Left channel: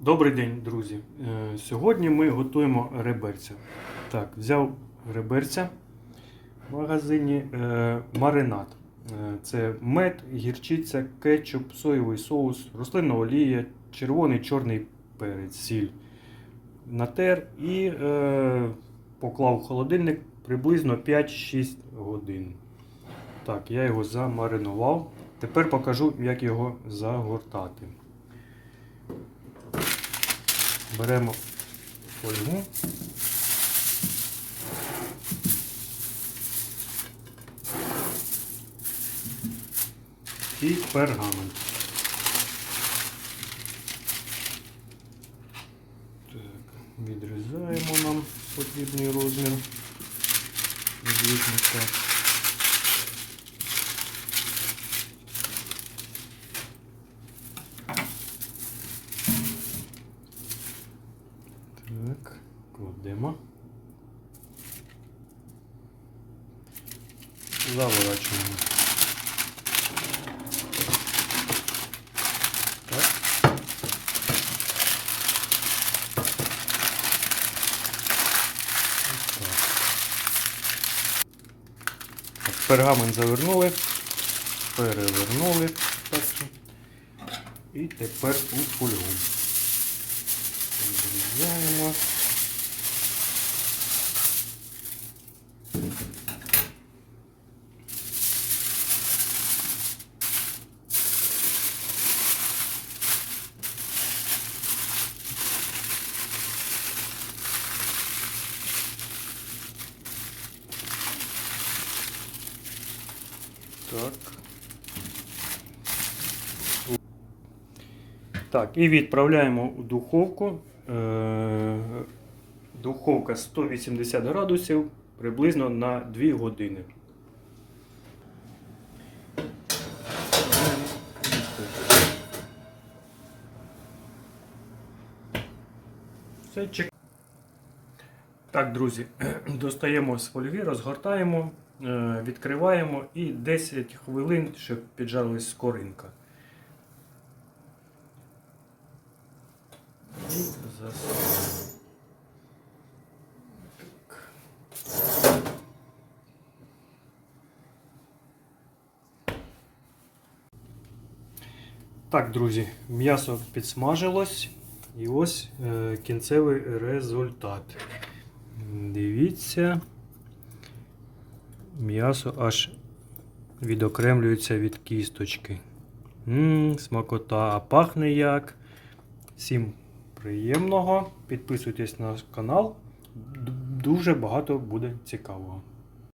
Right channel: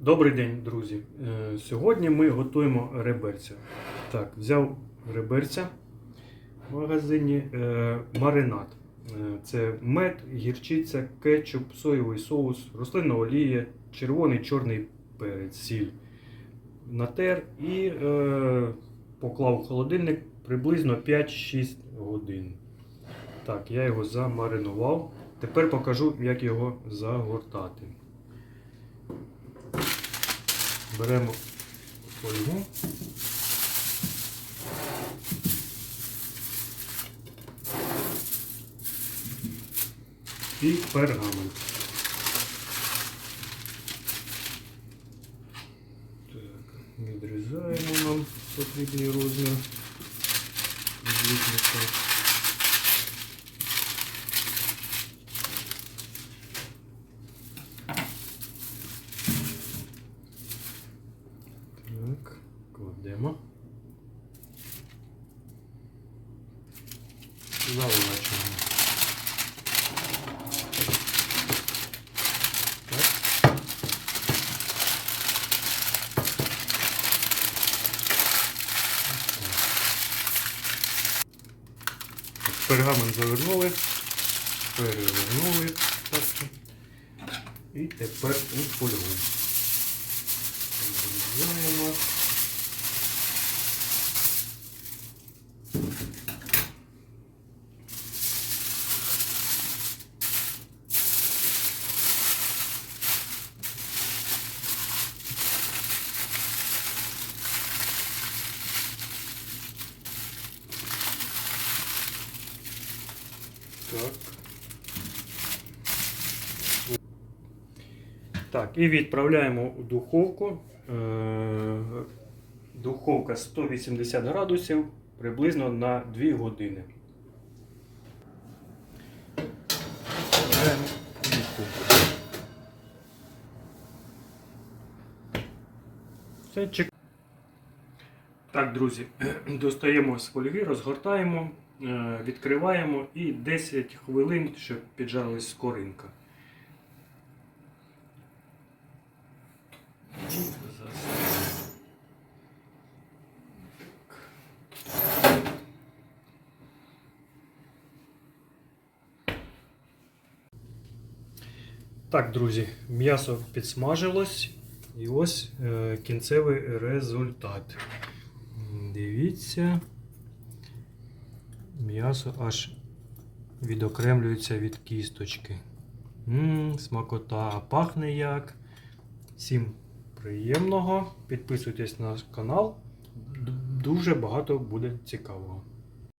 Добрий день, друзі. Е, Сьогодні ми готуємо реберця. Так, взяв реберця в магазині е, маринад. Е, Це мед, гірчиця, кетчуп, соєвий соус, рослинна олія, червоний чорний сіль. Натер і е, поклав в холодильник приблизно 5-6 годин. Так, я його замаринував. Тепер покажу, як його загортати. Беремо фольгу. І пергамент. Так, відрізаємо нам потрібний розмір. Так, кладемо. Заворачуємо. Пергамент завернули, перевернули так, і тепер у фольгу. Розрізаємо. Так. Так, і відправляємо у духовку. Е, Духовка 180 градусів приблизно на 2 години. Так, друзі, достаємо з фольги, розгортаємо, відкриваємо і 10 хвилин, щоб піджарилась скоринка. Так, друзі, м'ясо підсмажилось. І ось е, кінцевий результат. Дивіться, м'ясо аж відокремлюється від кісточки. Ммм, смакота, а пахне як. Всім приємного. Підписуйтесь на канал. Дуже багато буде цікавого.